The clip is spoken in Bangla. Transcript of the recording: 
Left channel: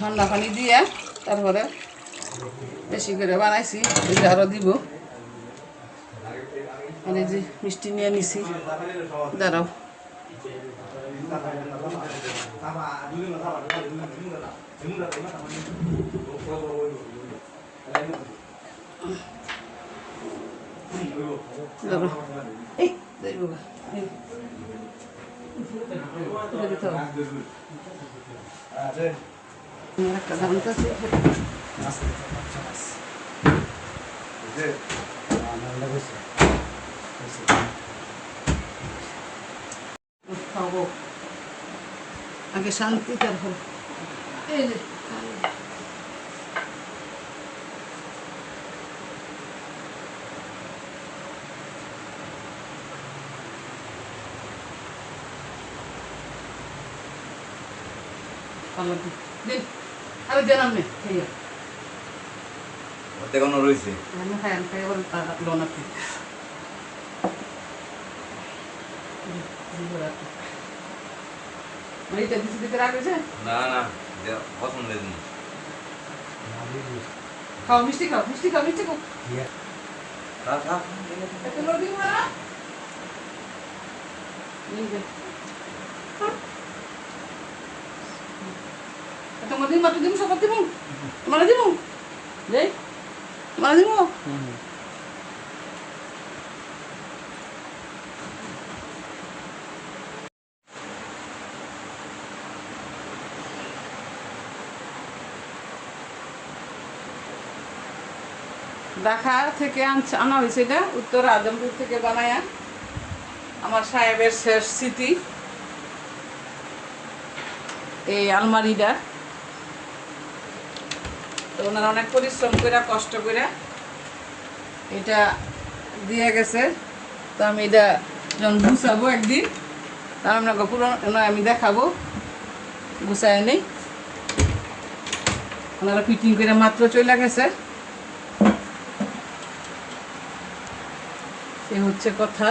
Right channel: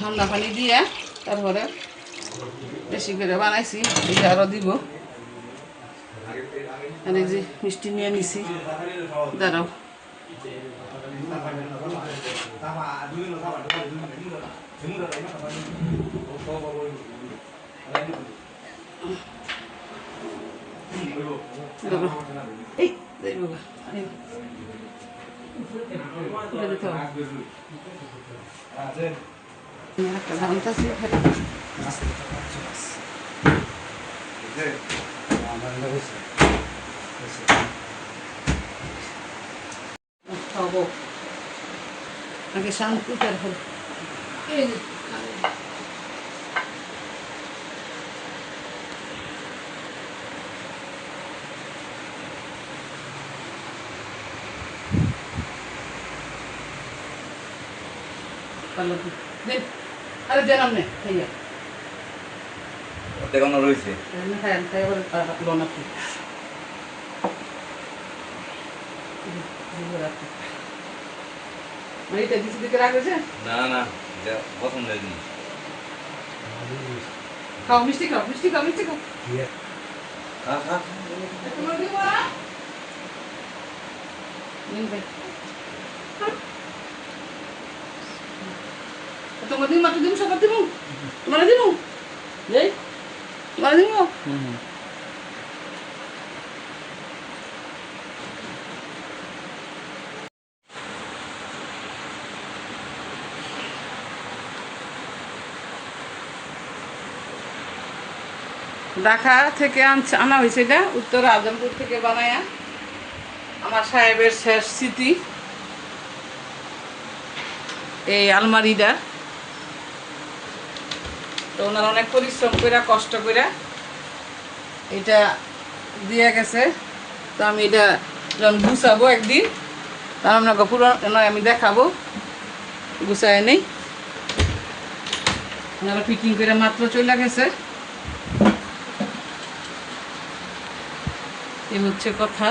ঠান্ডা পানি দিয়ে তারপরে বেশি করে বানাইছি, এটা আরও দিব। আর এই যে মিষ্টি নিয়ে নিছি, দাঁড়াও একটা দাম তো খাবো আগে শান্তি করবো। এই যে আরে জানাম নে দেখানো রয়েছে। হ্যাঁ লোন আপনি এটা কিছু দিকে রাখছে না না, পছন্দ হয়নি। খাও মিষ্টি খাও, মিষ্টি খাও, মিষ্টি খাও। তোমার দিন মাত্র দিন সকাল দিন তোমার দিন তোমার দিন ঢাকা থেকে আনা হয়েছে, এটা উত্তর আজমপুর থেকে বানায়া। আমার সাহেবের শেষ স্মৃতি এই আলমারিটা। তো ওনারা অনেক পরিশ্রম করে কষ্ট করে এটা দিয়ে গেছে। তো আমি এটা যখন গুছাবো একদিন, তখন আপনাকে পুরো আমি দেখাবো গুছায় নেই। ওনারা ফিটিং করে মাত্র চলে গেছে। এই হচ্ছে কথা।